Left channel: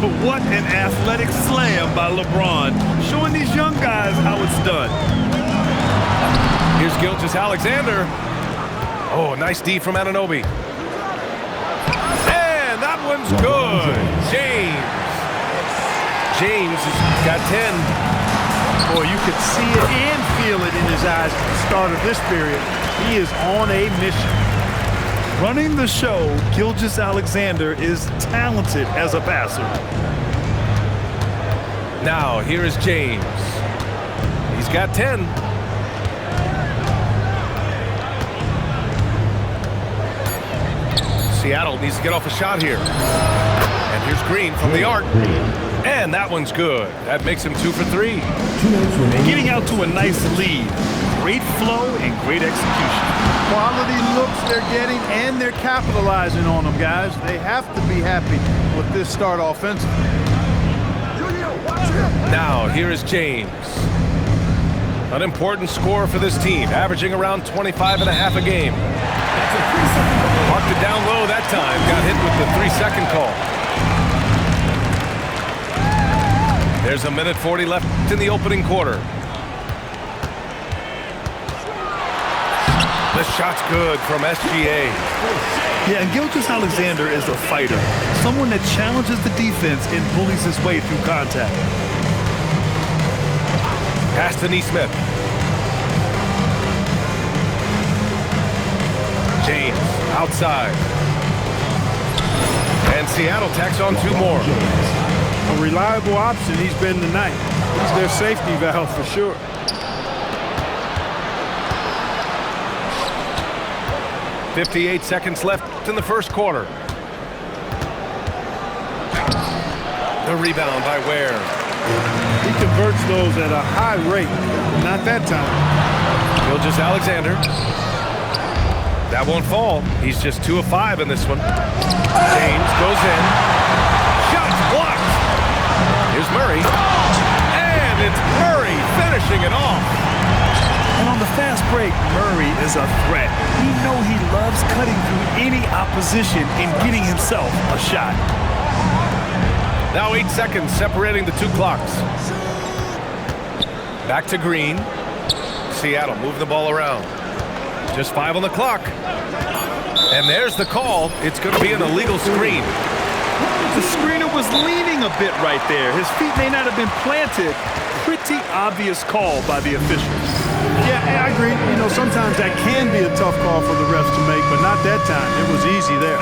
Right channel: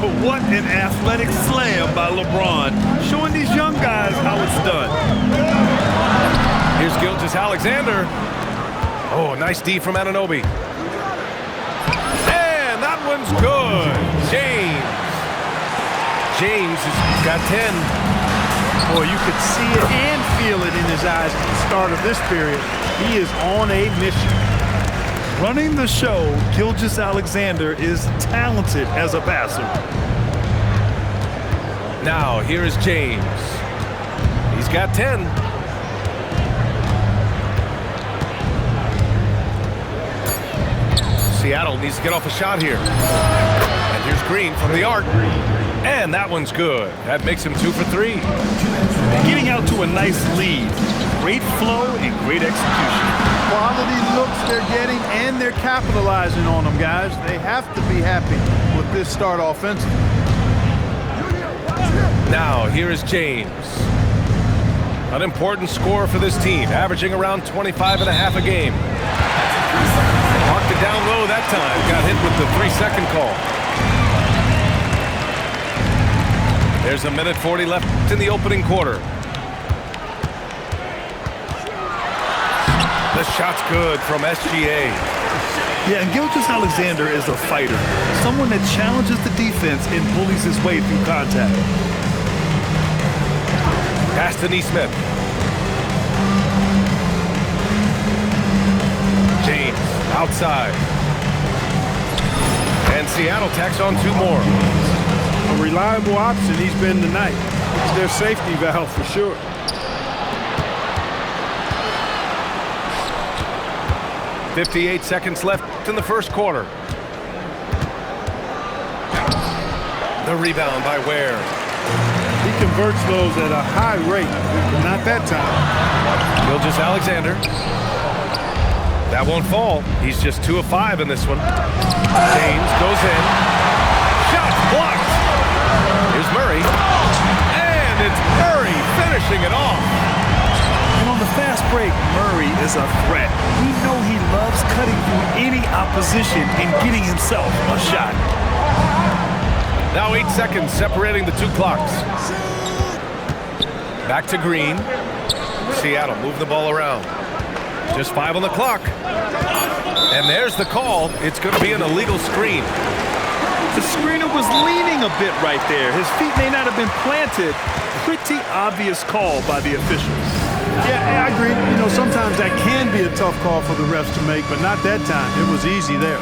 What an athletic slam by LeBron, showing these young guys how it's done. Here's Gilgeous-Alexander. Oh, nice D from Anunoby. And that one's good. James has got 10. Boy, you could see it and feel it in his eyes at the start of this period. He is on a mission. Running the show, Gilgeous-Alexander is talented as a passer. Now, here is James. He's got 10. Seattle needs to get off a shot here. And here's Green from the arc. And that one's good. That makes him 2 for 3. Getting out to a nice lead. Great flow and great execution. Quality looks they're getting, and they're capitalizing on them, guys. They have to be happy with this start offensively. Now, here is James. An important scorer for this team, averaging around 25.5 a game. Marked it down low that time. Got hit with the 3-second call. There's a minute 40 left in the opening quarter. The shot's good from SGA. Yeah, and Gilgeous-Alexander is a fighter. Someone that challenges the defense and bullies his way through contact. Pass to Nesmith. James outside. And Seattle tacks on 2 more. A reliable option he's been tonight. He's their safety valve for sure. .58 seconds left in the first quarter. The rebound by Ware. He converts those at a high rate. Not that time. Gilgeous-Alexander. That won't fall. He's just 2 of 5 in this one. James goes in. Shot's blocked. Here's Murray. And it's Murray finishing it off. And on the fast break, Murray is a threat. We know he loves cutting through any opposition and getting himself a shot. Now 8 seconds separating the 2 clocks. Back to Green. Seattle move the ball around. Just 5 on the clock. And there's the call. It's going to be an illegal screen. The screener was leaning a bit right there. His feet may not have been planted. Pretty obvious call by the officials. Yeah, I agree. You know, sometimes that can be a tough call for the refs to make, but not that time. It was easy there.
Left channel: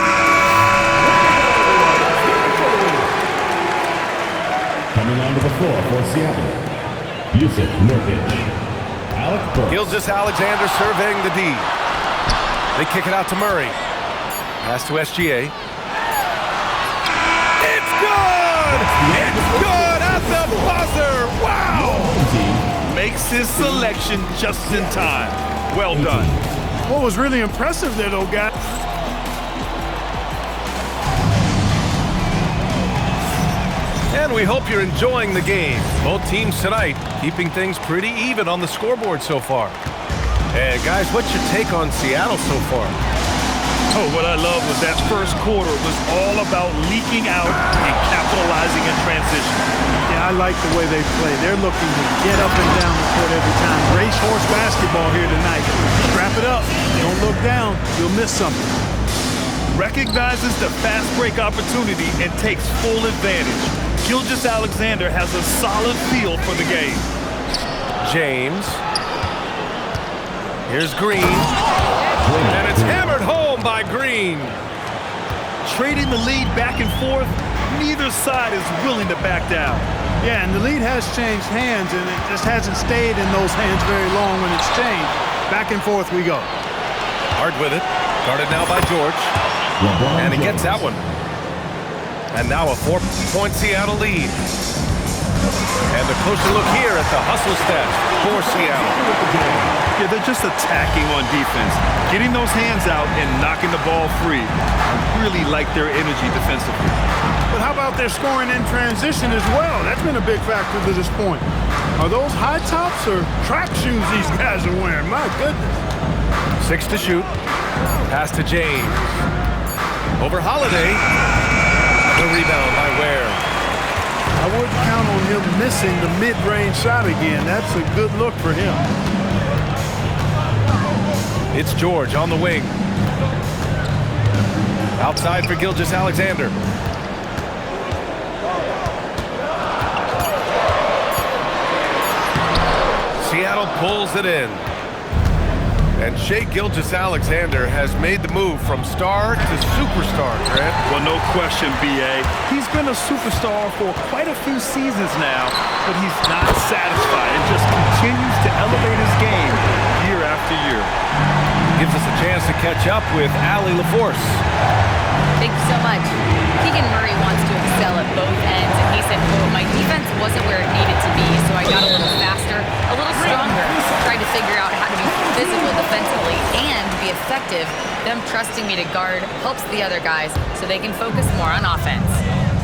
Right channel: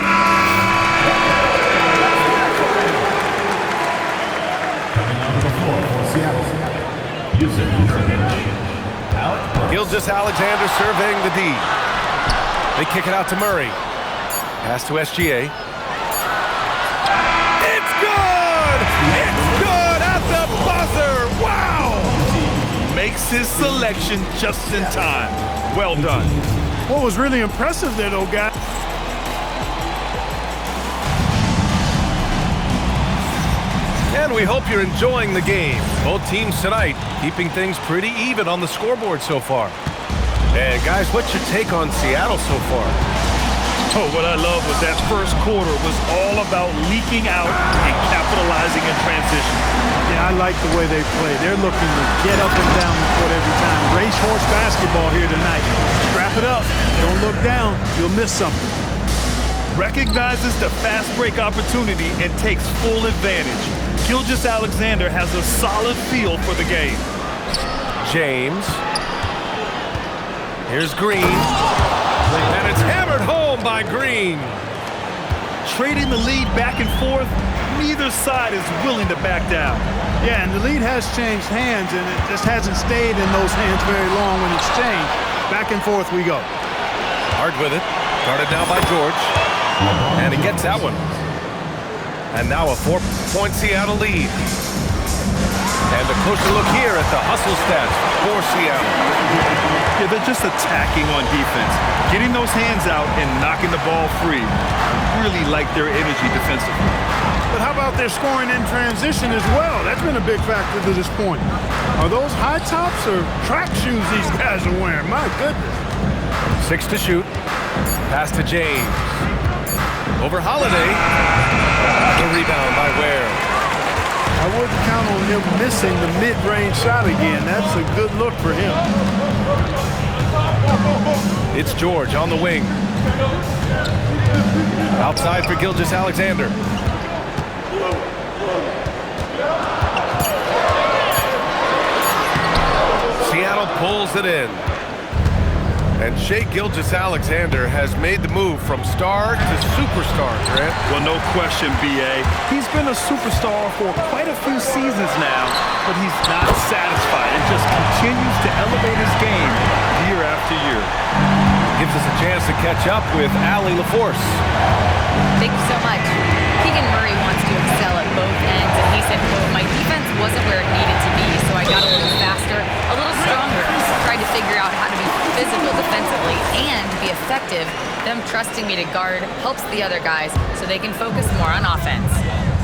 Coming onto the floor for Seattle, Jusuf Nurkic. Alec Burks. Gilgeous-Alexander surveying the D. They kick it out to Murray. Pass to SGA. It's good! It's good at the buzzer! Wow! Makes his selection just in time. Well done. What was really impressive there, though, guys. And we hope you're enjoying the game. Both teams tonight keeping things pretty even on the scoreboard so far. And guys, what's your take on Seattle so far? Oh, what I love was that first quarter was all about leaking out and capitalizing in transition. Yeah, I like the way they play. They're looking to get up and down the court every time. Racehorse basketball here tonight. Strap it up. Don't look down. You'll miss something. Recognizes the fast break opportunity and takes full advantage. Gilgeous-Alexander has a solid feel for the game. James. Here's Green. And it's hammered home by Green. Trading the lead back and forth, neither side is willing to back down. Yeah, and the lead has changed hands, and it just hasn't stayed in those hands very long when it's changed. Back and forth we go. Hard with it. Guarded now by George. And he gets that one. And now a 4-point Seattle lead. And a closer look here at the hustle stats for Seattle. Yeah, they're just attacking on defense, getting those hands out and knocking the ball free. I really like their energy defensively. But how about their scoring in transition as well? That's been a big factor to this point. Are those high tops or track shoes these guys are wearing? My goodness. 6 to shoot. Pass to James. Over Holiday. The rebound by Ware. I wouldn't count on him missing the mid-range shot again. That's a good look for him. It's George on the wing. Outside for Gilgeous-Alexander. Seattle pulls it in. And Shai Gilgeous-Alexander has made the move from star to superstar, Grant. Well, no question, B.A. He's been a superstar for quite a few seasons now, but he's not satisfied and just continues to elevate his game year after year. Gives us a chance to catch up with Allie LaForce. Thank you so much. Keegan Murray wants to excel at both ends, and he said, quote, "My defense wasn't where it needed to be, so I got a little faster, a little stronger, tried to figure out how to be physical defensively and be effective. Them trusting me to guard helps the other guys so they can focus more on offense."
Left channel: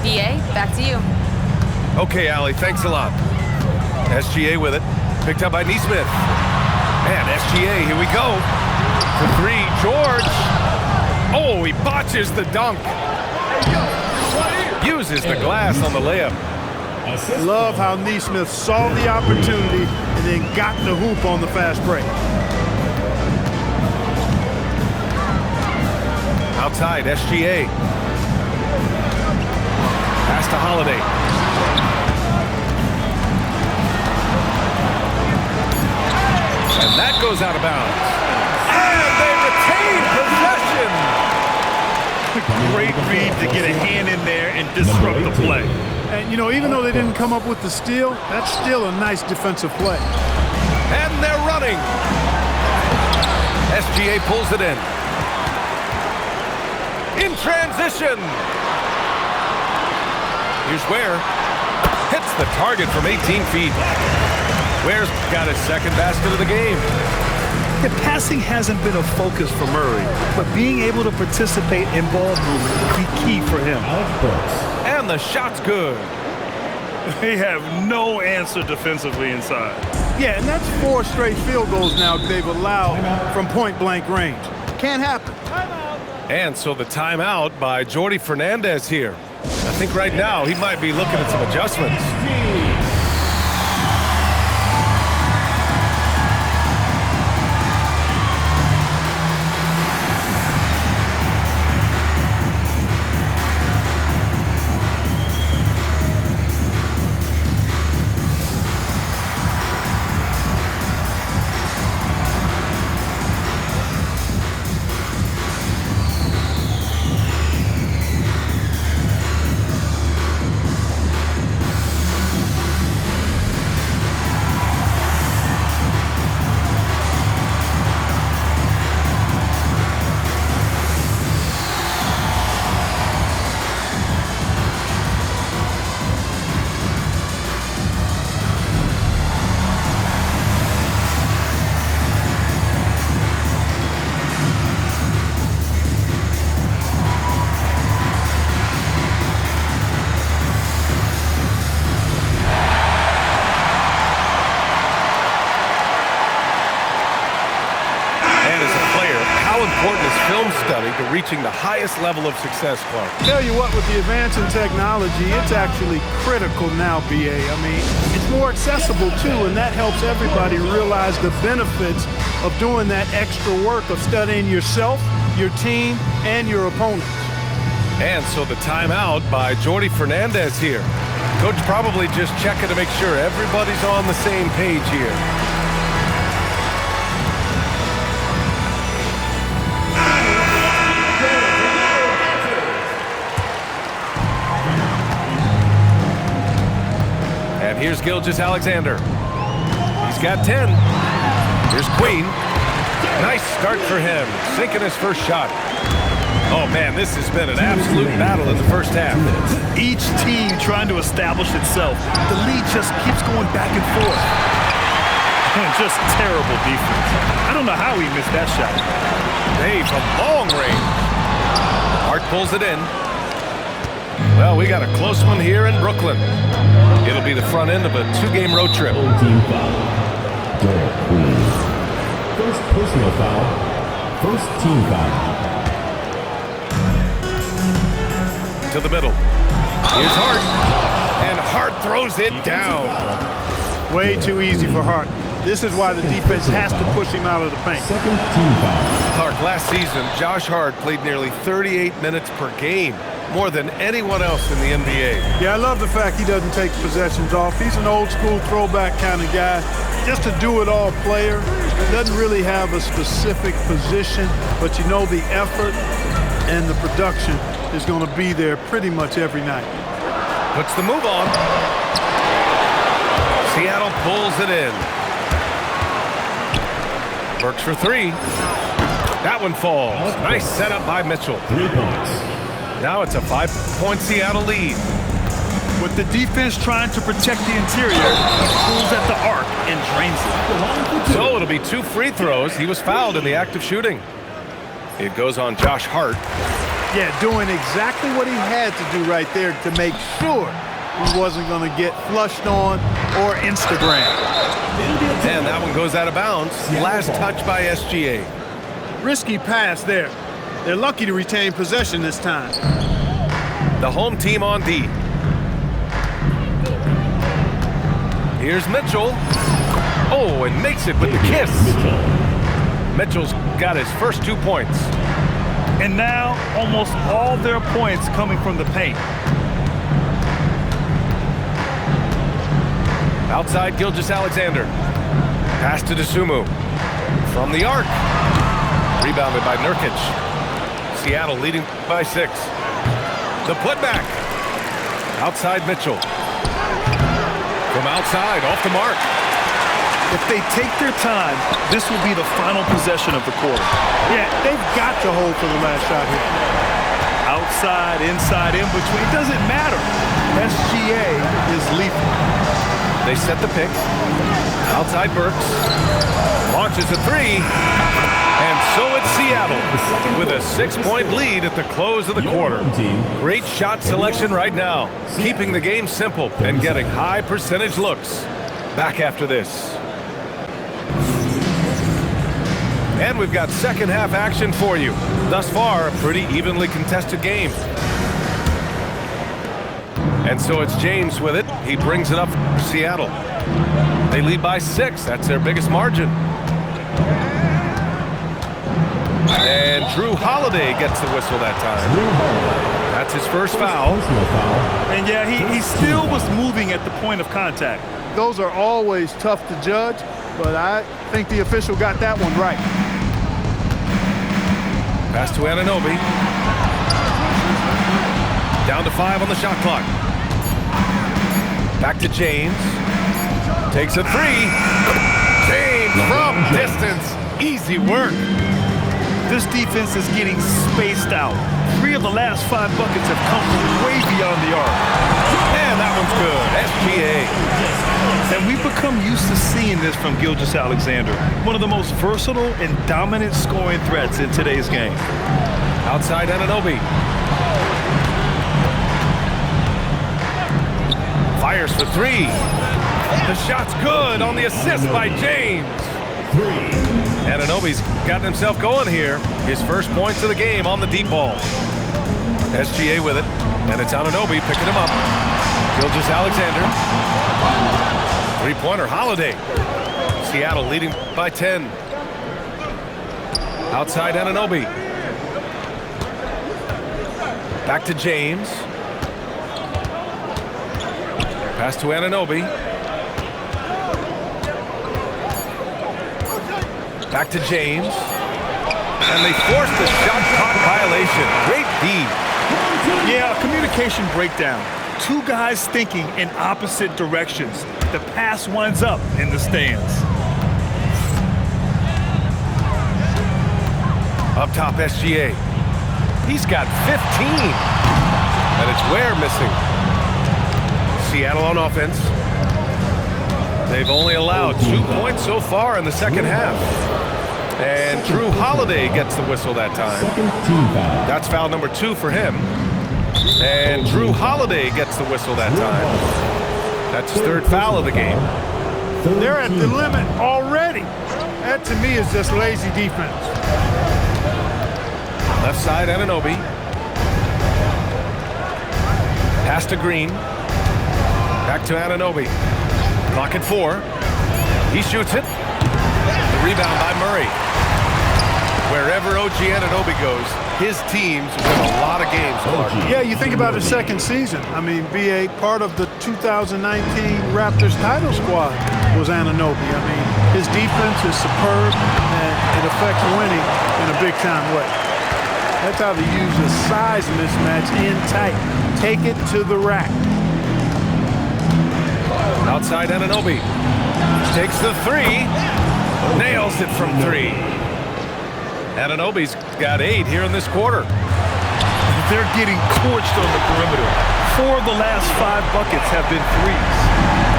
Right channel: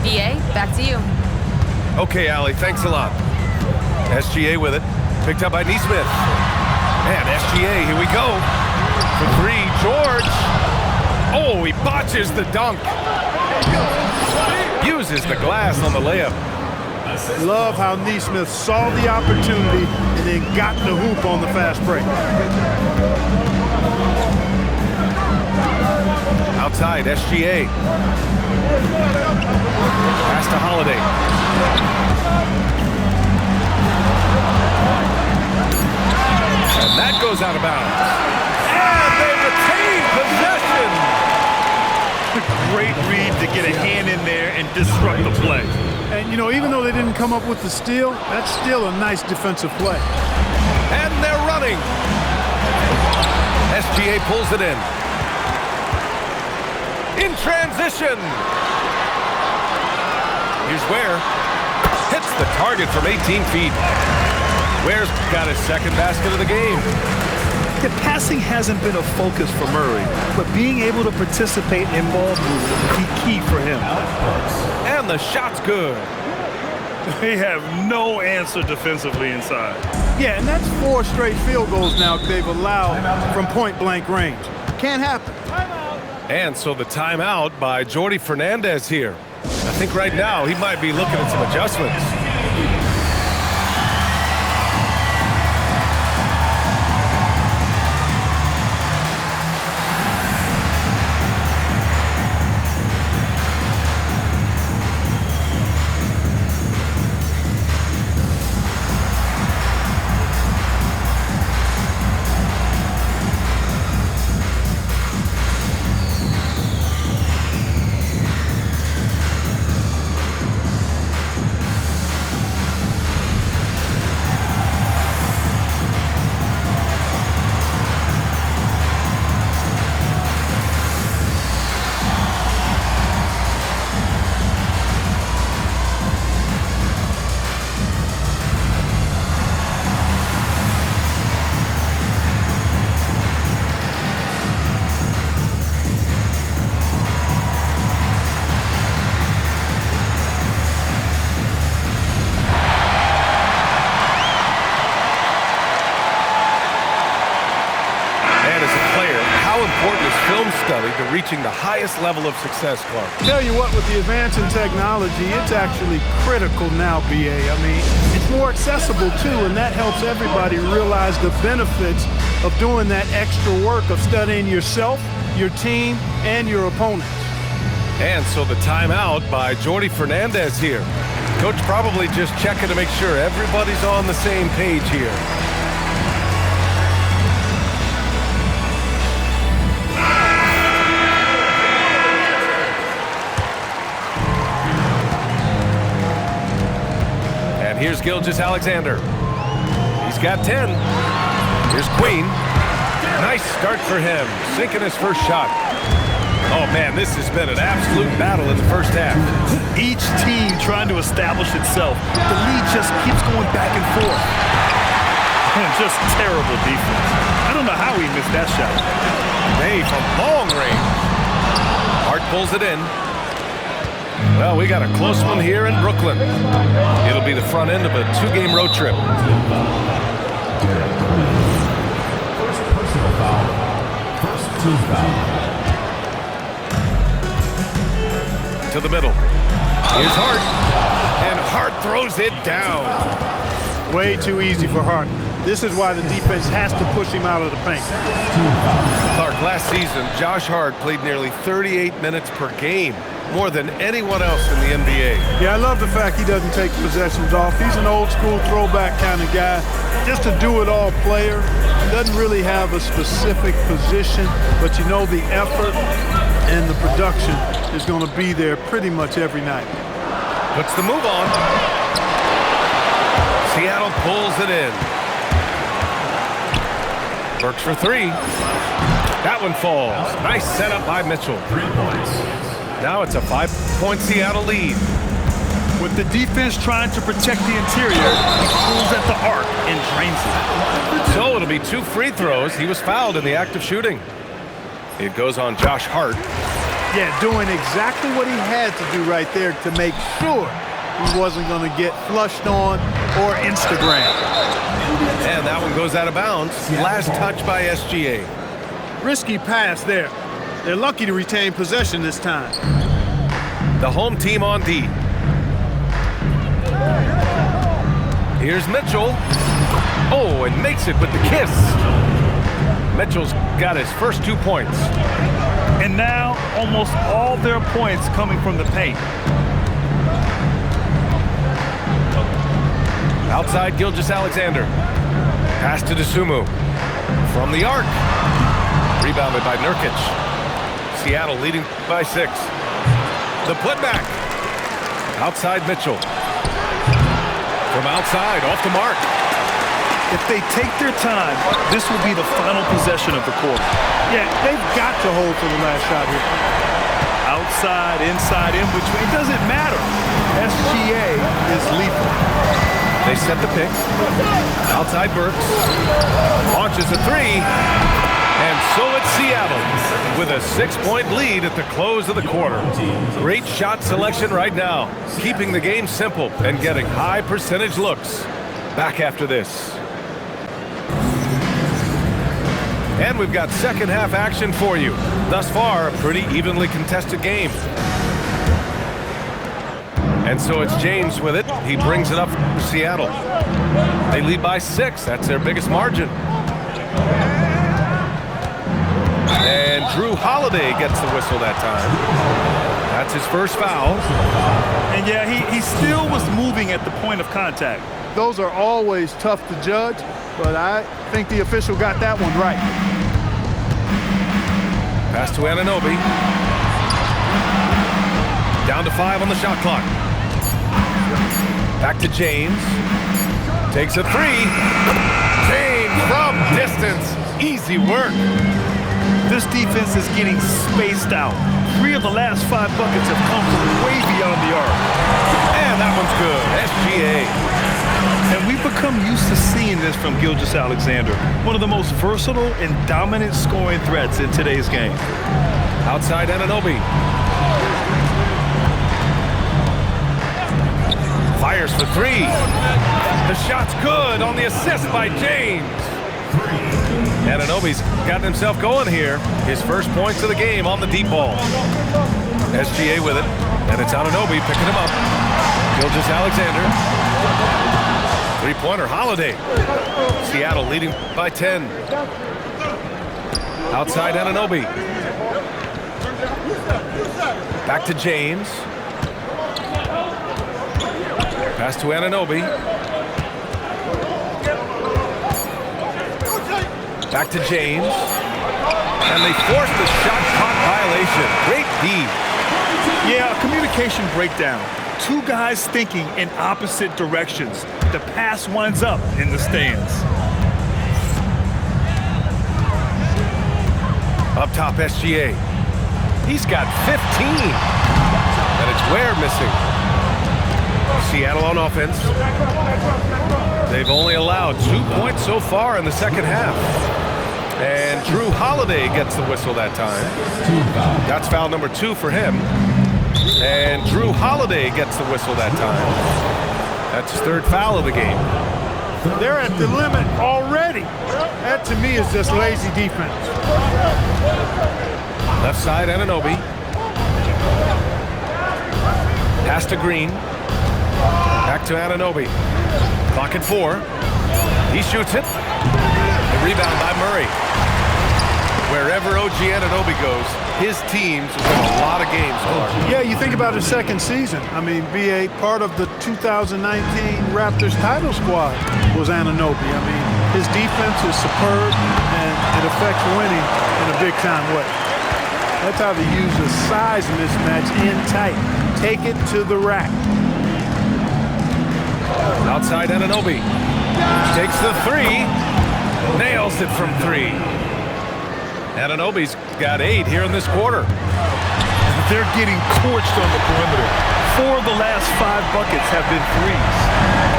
B.A., back to you. Okay, Allie, thanks a lot. SGA with it. Picked up by Nesmith. And SGA, here we go. For three, George. Oh, he botches the dunk. Uses the glass on the layup. Love how Nesmith saw the opportunity and then got the hoop on the fast break. Outside, SGA. Pass to Holiday. And that goes out of bounds. And they retain possession. Great read to get a hand in there and disrupt the play. And, you know, even though they didn't come up with the steal, that's still a nice defensive play. And they're running. SGA pulls it in. In transition. Here's Ware. Hits the target from 18 feet. Ware's got his second basket of the game. The passing hasn't been a focus for Murray, but being able to participate in ball movement will be key for him. And the shot's good. They have no answer defensively inside. Yeah, and that's 4 straight field goals now they've allowed from point-blank range. Can't happen. And so the timeout by Jordi Fernandez here. I think right now he might be looking at some adjustments. How important is film study to reaching the highest level of success, Clark? Tell you what, with the advance in technology, it's actually critical now, BA. I mean, it's more accessible, too, and that helps everybody realize the benefits of doing that extra work of studying yourself, your team, and your opponents. And so the timeout by Jordi Fernandez here. Coach probably just checking to make sure everybody's on the same page here. And here's Gilgeous-Alexander. He's got 10. Here's Queen. Nice start for him, sinking his first shot. Oh, man, this has been an absolute battle in the first half. Each team trying to establish itself. The lead just keeps going back and forth. And just terrible defense. I don't know how he missed that shot. Hey, from long range. Hart pulls it in. Well, we got a close one here in Brooklyn. It'll be the front end of a 2-game road trip. Derek Queen. First personal foul. First team foul. To the middle. Here's Hart. And Hart throws it down. Way too easy for Hart. This is why the defense has to push him out of the paint. Clark, last season, Josh Hart played nearly 38 minutes per game, more than anyone else in the NBA. Yeah, I love the fact he doesn't take possessions off. He's an old school throwback kind of guy. Just a do-it-all player. Doesn't really have a specific position, but you know the effort and the production is going to be there pretty much every night. Puts the move on. Seattle pulls it in. Works for three. That one falls. Nice setup by Mitchell. 3 points. Now it's a 5-point Seattle lead. With the defense trying to protect the interior, he pulls at the arc and drains it. So it'll be 2 free throws. He was fouled in the act of shooting. It goes on Josh Hart. Yeah, doing exactly what he had to do right there to make sure he wasn't going to get flushed on or Instagram. And that one goes out of bounds. Last touch by SGA. Risky pass there. They're lucky to retain possession this time. The home team on D. Here's Mitchell. Oh, and makes it with the kiss. Mitchell's got his first 2 points. And now, almost all their points coming from the paint. Outside Gilgeous-Alexander. Pass to Dosunmu. From the arc. Rebounded by Nurkic. Seattle leading by 6. The putback. Outside Mitchell. From outside, off the mark. If they take their time, this will be the final possession of the quarter. Yeah, they've got to hold for the last shot here. Outside, inside, in between, it doesn't matter. SGA is lethal. They set the pick. Outside Burks. Launches a 3. And so it's Seattle with a 6-point lead at the close of the quarter. Great shot selection right now, keeping the game simple and getting high percentage looks. Back after this. And we've got second half action for you. Thus far, a pretty evenly contested game. And so it's James with it. He brings it up for Seattle. They lead by 6. That's their biggest margin. And Drew Holiday gets the whistle that time. That's his first foul. And yeah, he still was moving at the point of contact. Those are always tough to judge, but I think the official got that one right. Pass to Anunoby. Down to 5 on the shot clock. Back to James. Takes a 3. James from distance. Easy work. This defense is getting spaced out. 3 of the last 5 buckets have come from way beyond the arc. And that one's good. SGA. And we've become used to seeing this from Gilgeous-Alexander, one of the most versatile and dominant scoring threats in today's game. Outside Anunoby. Fires for 3. The shot's good on the assist by James. Anunoby's gotten himself going here. His first points of the game on the deep ball. SGA with it, and it's Anunoby picking him up. Gilgeous-Alexander. Three-pointer, Holiday. Seattle leading by 10. Outside Anunoby. Back to James. Pass to Anunoby. Back to James. And they force the shot clock violation. Great D. Yeah, a communication breakdown. 2 guys thinking in opposite directions. The pass winds up in the stands. Up top, SGA. He's got 15. And it's Ware missing. Seattle on offense. They've only allowed 2 points so far in the second half. And Drew Holiday gets the whistle that time. That's foul number 2 for him. And Drew Holiday gets the whistle that time. That's his 3rd foul of the game. They're at the limit already. That, to me, is just lazy defense. Left side, Anunoby. Pass to Green. Back to Anunoby. Clock at 4. He shoots it. The rebound by Murray. Wherever OG Anunoby goes, his teams win a lot of games, Clark. Yeah, you think about his second season. I mean, BA, part of the 2019 Raptors title squad was Anunoby. I mean, his defense is superb, and it affects winning in a big-time way. That's how they use a size mismatch in tight. Take it to the rack. Outside Anunoby. Takes the 3. Nails it from 3. Anunoby's got 8 here in this quarter. They're getting torched on the perimeter. 4 of the last 5 buckets have been threes.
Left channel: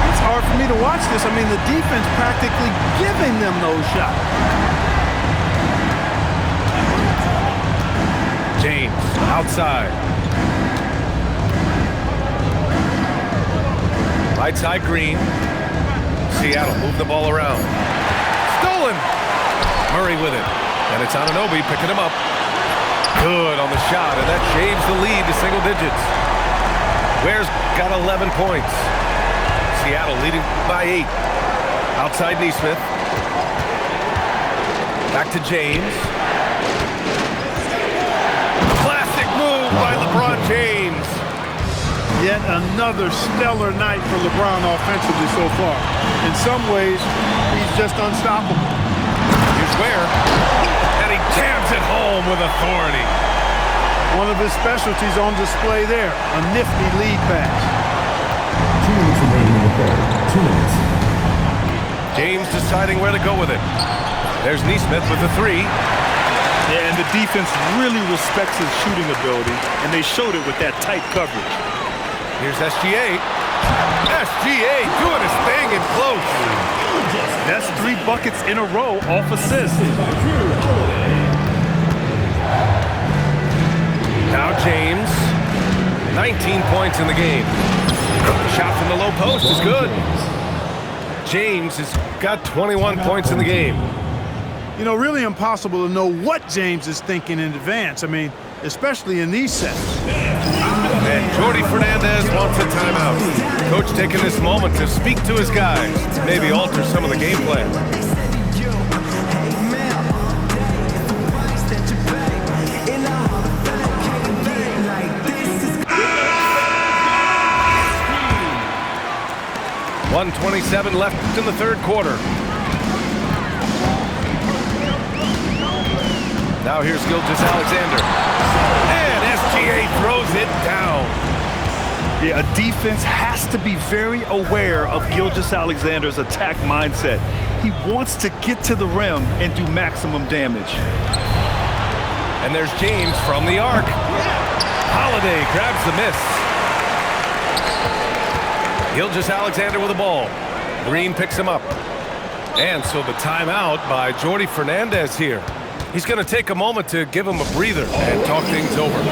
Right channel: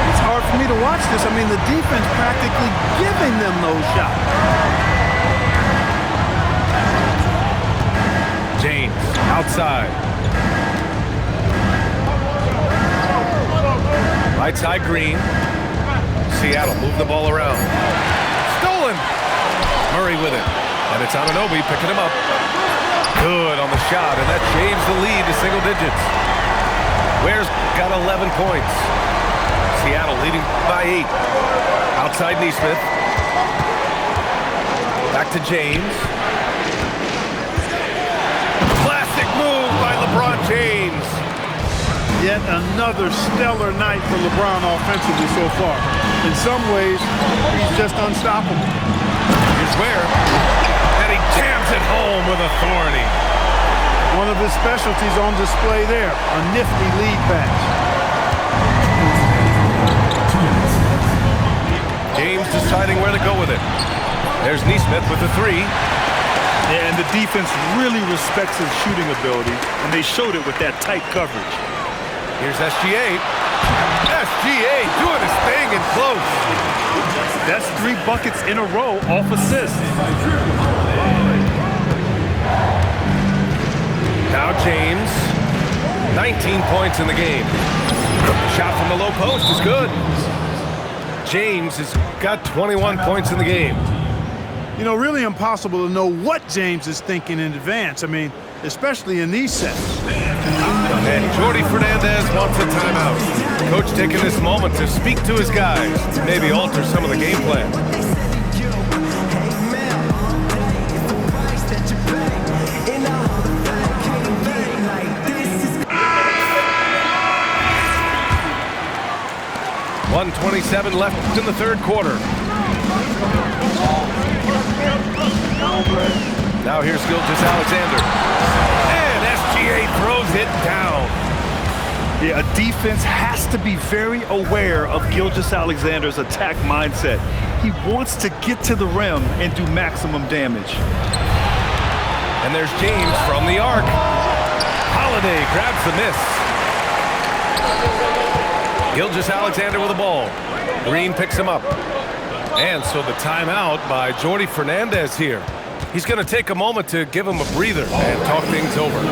It's hard for me to watch this. I mean, the defense practically giving them those shots. James outside. Right side Green. Seattle move the ball around. Stolen. Murray with it. And it's Anunoby picking him up. Good on the shot, and that shaves the lead to single digits. Ware's got 11 points. Seattle leading by 8. Outside Nesmith. Back to James. Classic move by LeBron James. Yet another stellar night for LeBron offensively so far. In some ways, he's just unstoppable. Here's Ware. And he jams it home with authority. One of his specialties on display there, a nifty lead pass. 2 minutes. James deciding where to go with it. There's Nesmith with the 3. Yeah, and the defense really respects his shooting ability, and they showed it with that tight coverage. Here's SGA. SGA doing his thing in close. That's 3 buckets in a row off assists. Now James, 19 points in the game. The shot from the low post is good. James has got 21 points in the game. You know, really impossible to know what James is thinking in advance. I mean, especially in these sets. And Jordi Fernandez wants a timeout. Coach taking this moment to speak to his guys, maybe alter some of the game plan. .127 left in the third quarter. Now here's Gilgeous-Alexander. And SGA throws it down. Yeah, a defense has to be very aware of Gilgeous-Alexander's attack mindset. He wants to get to the rim and do maximum damage. And there's James from the arc. Holiday grabs the miss. Gilgeous-Alexander with the ball. Green picks him up. And so the timeout by Jordi Fernandez here. He's going to take a moment to give him a breather and talk things over.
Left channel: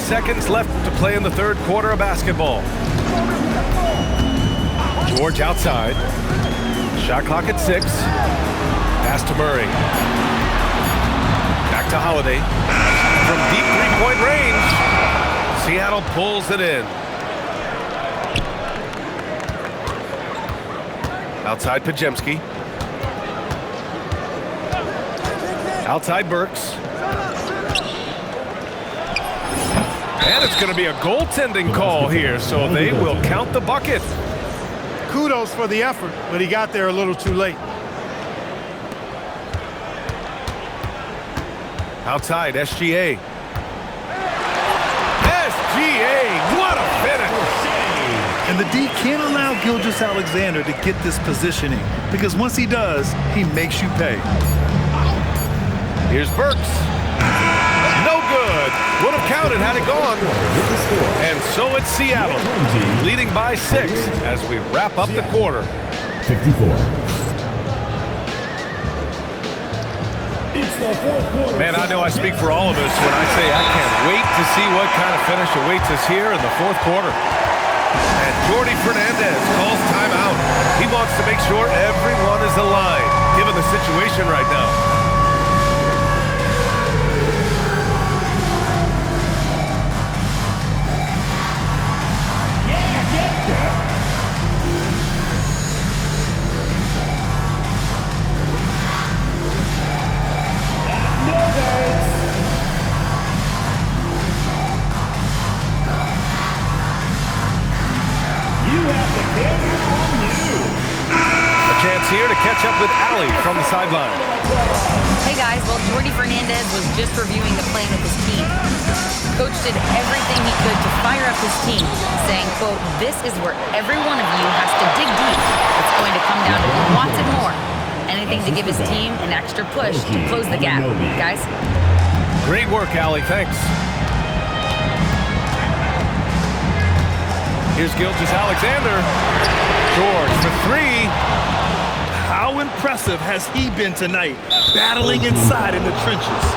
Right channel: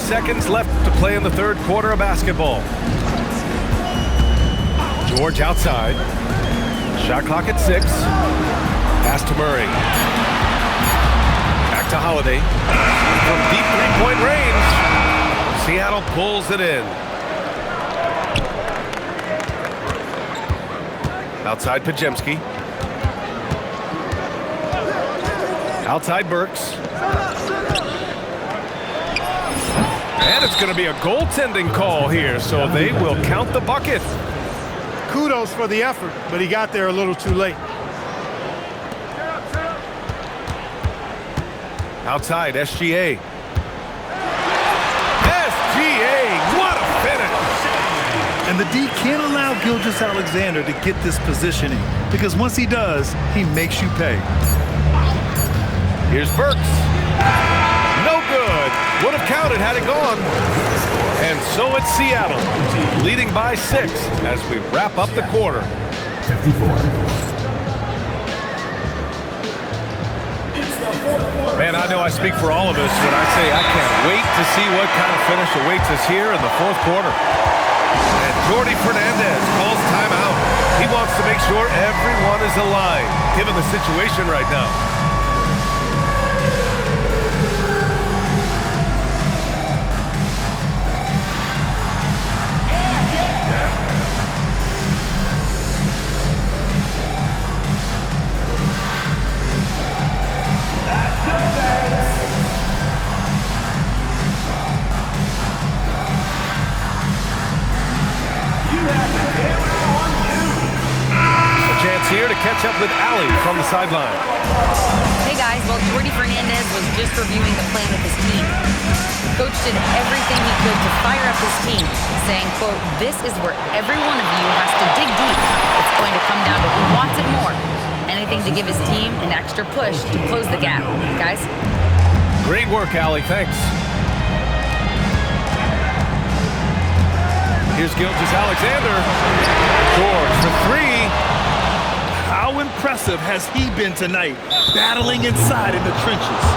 Seconds left to play in the third quarter of basketball. George outside. Shot clock at 6. Pass to Murray. Back to Holiday. From deep three-point range. Seattle pulls it in. Outside Pajemski. Outside Burks. And it's going to be a goaltending call here, so they will count the bucket. Kudos for the effort, but he got there a little too late. Outside, SGA. SGA, what a finish! And the D can't allow Gilgeous-Alexander to get this positioning, because once he does, he makes you pay. Here's Burks. No good. Would have counted had it gone. And so it's Seattle, leading by 6 as we wrap up the quarter. 54. Man, I know I speak for all of us when I say I can't wait to see what kind of finish awaits us here in the fourth quarter. And Jordi Fernandez calls timeout. He wants to make sure everyone is aligned, given the situation right now. Chance here to catch up with Allie from the sideline. Hey guys, well, Jordi Fernandez was just reviewing the plan with his team. Coach did everything he could to fire up his team, saying, quote, "This is where every one of you has to dig deep. It's going to come down to who wants it more. Anything to give his team an extra push to close the gap." Guys? Great work, Allie. Thanks. Here's Gilgeous-Alexander. George for 3. How impressive has he been tonight, battling inside in the trenches?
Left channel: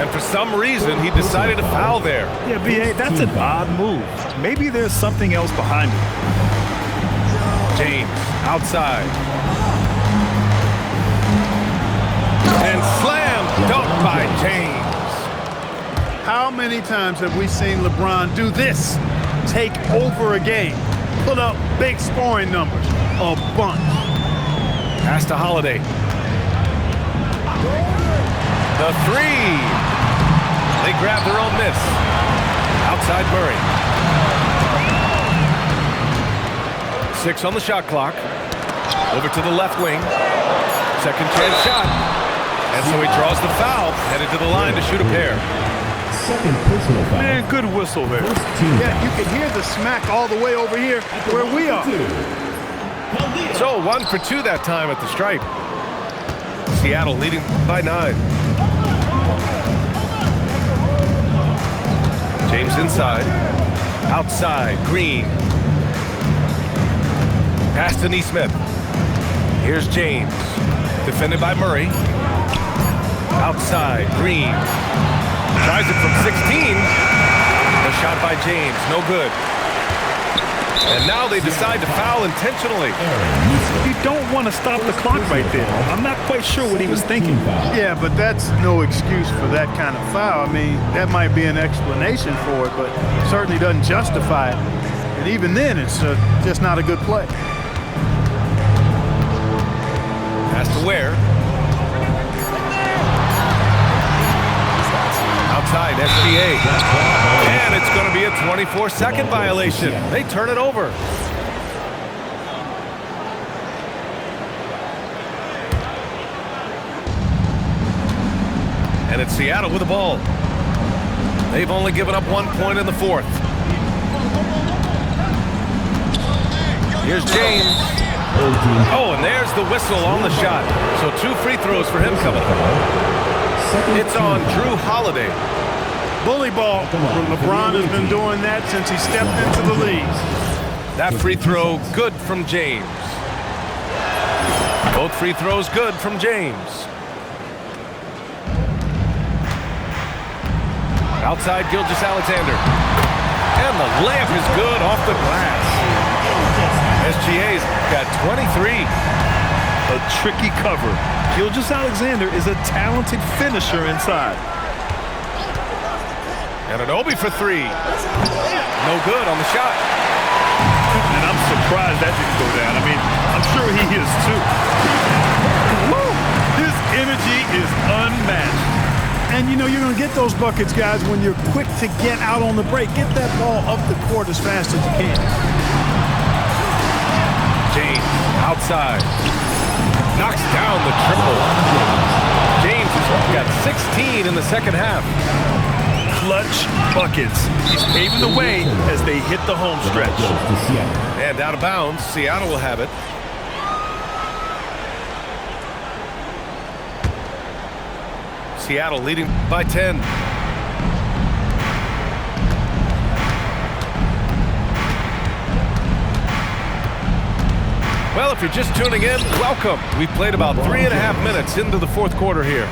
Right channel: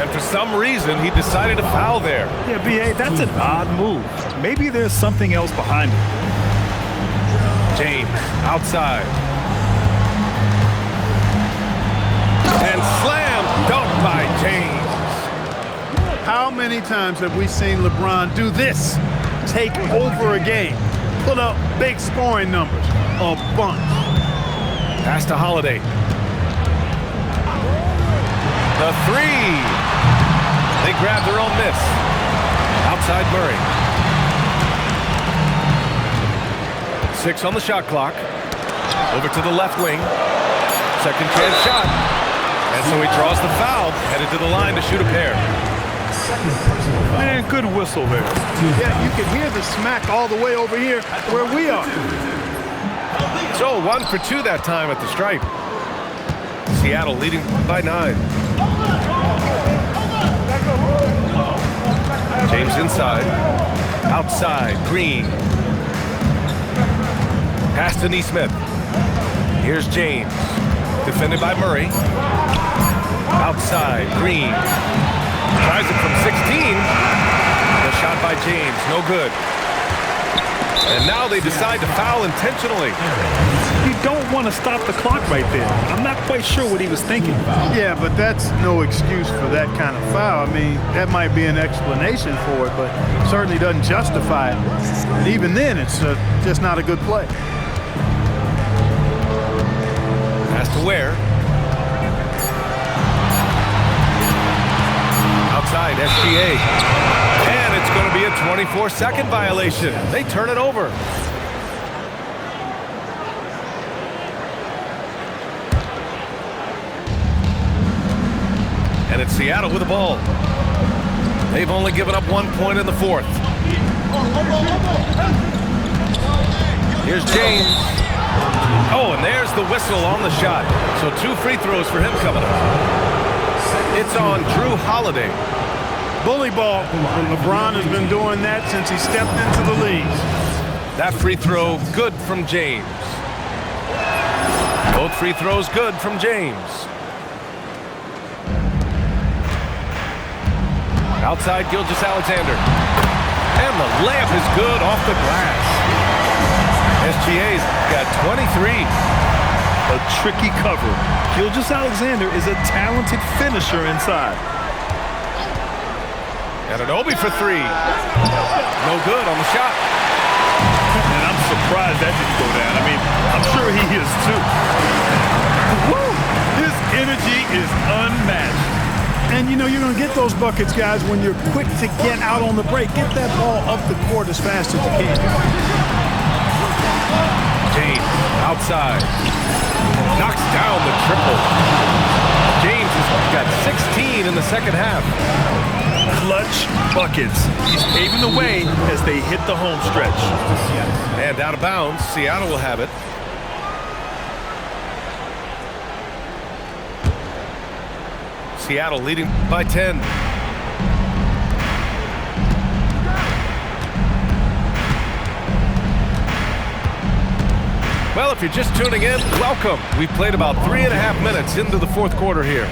And for some reason, he decided to foul there. Yeah, B.A., that's an odd move. Maybe there's something else behind it. James, outside. And slam dunk by James. How many times have we seen LeBron do this? Take over a game, put up big scoring numbers, a bunch. Pass to Holiday. The 3. They grab their own miss. Outside Murray. 6 on the shot clock. Over to the left wing. Second chance shot. And so he draws the foul, headed to the line to shoot a pair. Second personal foul. Man, good whistle there. Yeah, you can hear the smack all the way over here where we are. So 1 for 2 that time at the stripe. Seattle leading by 9. James inside. Outside, Green. Pass to Neesmith. Here's James. Defended by Murray. Outside, Green. Tries it from 16. The shot by James, no good. And now they decide to foul intentionally. You don't want to stop the clock right there. I'm not quite sure what he was thinking. Yeah, but that's no excuse for that kind of foul. I mean, that might be an explanation for it, but certainly doesn't justify it. And even then, it's just not a good play. Pass to Ware. Outside, SGA. And it's going to be a 24-second violation. They turn it over. And it's Seattle with the ball. They've only given up 1 point in the fourth. Here's James. Oh, and there's the whistle on the shot. So 2 free throws for him coming up. It's on Drew Holiday. Bully ball. LeBron has been doing that since he stepped into the league. That free throw good from James. Both free throws good from James. Outside Gilgeous-Alexander. And the layup is good off the glass. SGA's got 23. A tricky cover. Gilgeous-Alexander is a talented finisher inside. And Anunoby for 3. No good on the shot. And I'm surprised that didn't go down. I mean, I'm sure he is too. Woo! His energy is unmatched. And, you know, you're going to get those buckets, guys, when you're quick to get out on the break. Get that ball up the court as fast as you can. James, outside. Knocks down the triple. James has got 16 in the second half. Clutch buckets. He's paving the way as they hit the home stretch. And out of bounds, Seattle will have it. Seattle leading by 10. Well, if you're just tuning in, welcome. We've played about 3.5 minutes into the fourth quarter here.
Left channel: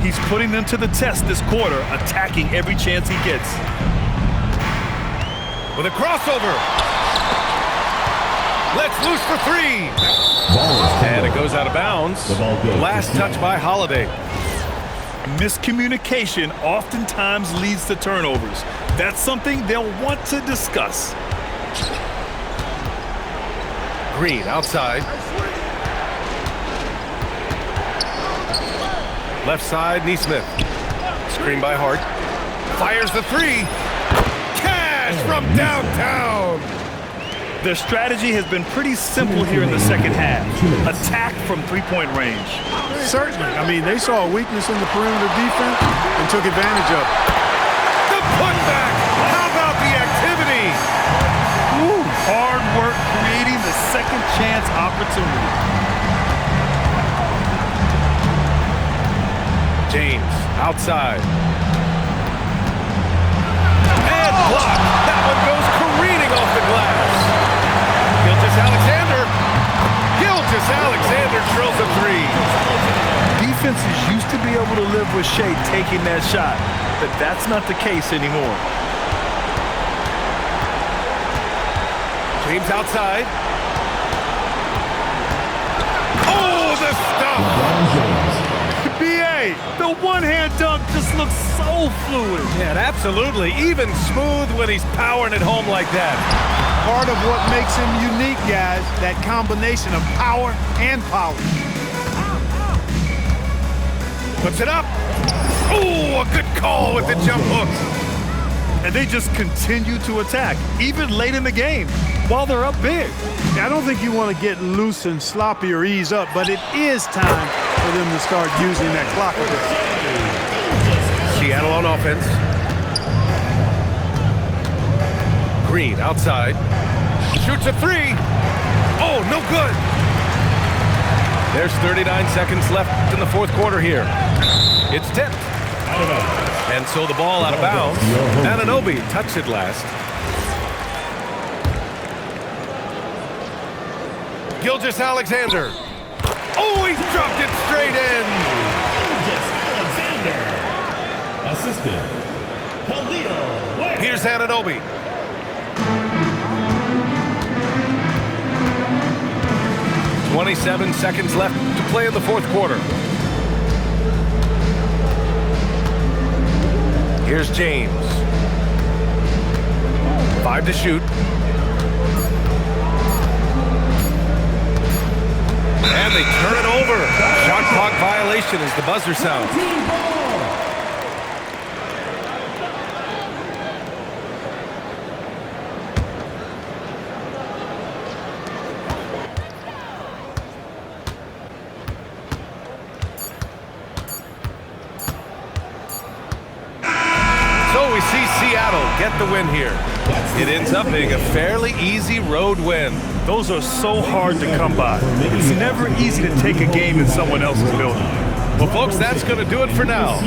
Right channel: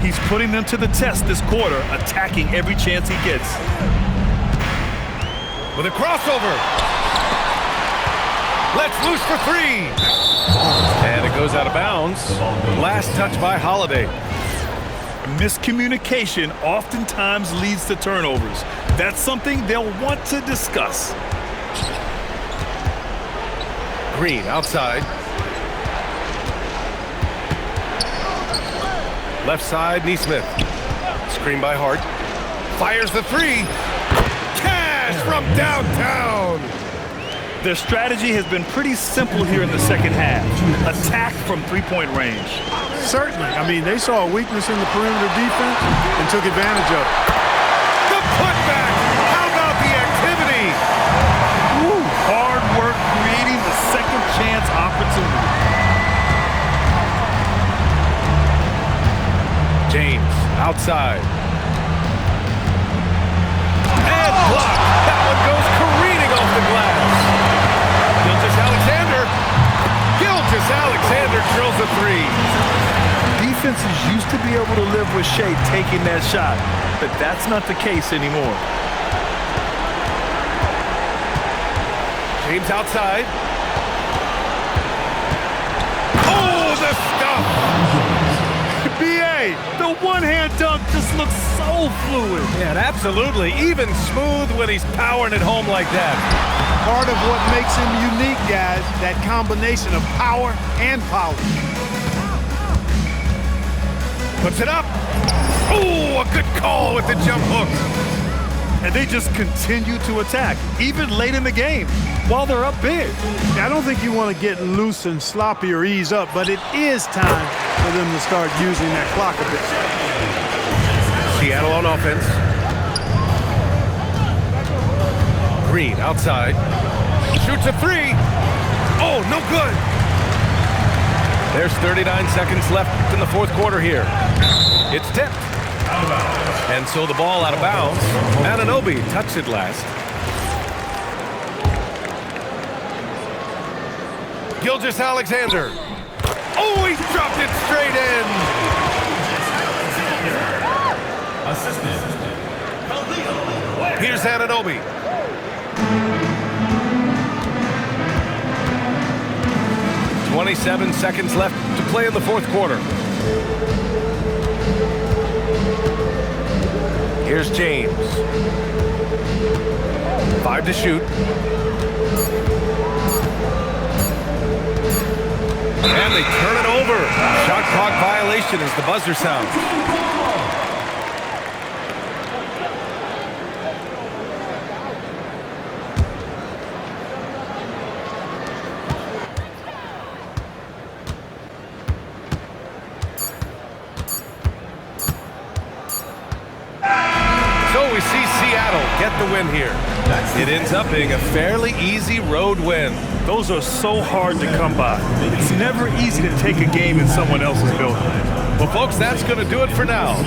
He's putting them to the test this quarter, attacking every chance he gets. With a crossover. Let's loose for three. And it goes out of bounds. Last touch by Holiday. Miscommunication oftentimes leads to turnovers. That's something they'll want to discuss. Green outside. Left side, Neesmith. Screen by Hart. Fires the three. Cash from downtown. Their strategy has been pretty simple here in the second half. Attack from three-point range. Certainly. I mean, they saw a weakness in the perimeter defense and took advantage of it. The putback. How about the activity? Woo, hard work creating the second chance opportunity. James outside. And blocked. That one goes careening off the glass. Gilgeous-Alexander. Gilgeous-Alexander drills a three. Defenses used to be able to live with Shea taking that shot, but that's not the case anymore. James outside. Oh, the stuff! B.A., the one-hand dunk just looks so fluid. Yeah, absolutely. Even smooth when he's powering it home like that. Part of what makes him unique, guys, that combination of power and polish. Puts it up. Oh, a good call with the jump hook. And they just continue to attack, even late in the game, while they're up big. I don't think you want to get loose and sloppy or ease up, but it is time for them to start using that clock a bit. Seattle on offense. Green outside. Shoots a three. Oh, no good. There's 39 seconds left in the fourth quarter here. It's tipped. And so the ball out of bounds. Anunoby touched it last. Gilgeous-Alexander. Oh, he dropped it straight in. Assistant, Khalil Ware. Here's Anunoby. "27 seconds left to play in the fourth quarter. Here's James. 5 to shoot. And they turn it over. Shot clock violation as the buzzer sounds. So we see Seattle get the win here. It ends up being a fairly easy road win. Those are so hard to come by. It's never easy to take a game in someone else's building. Well, folks, that's going to do it for now.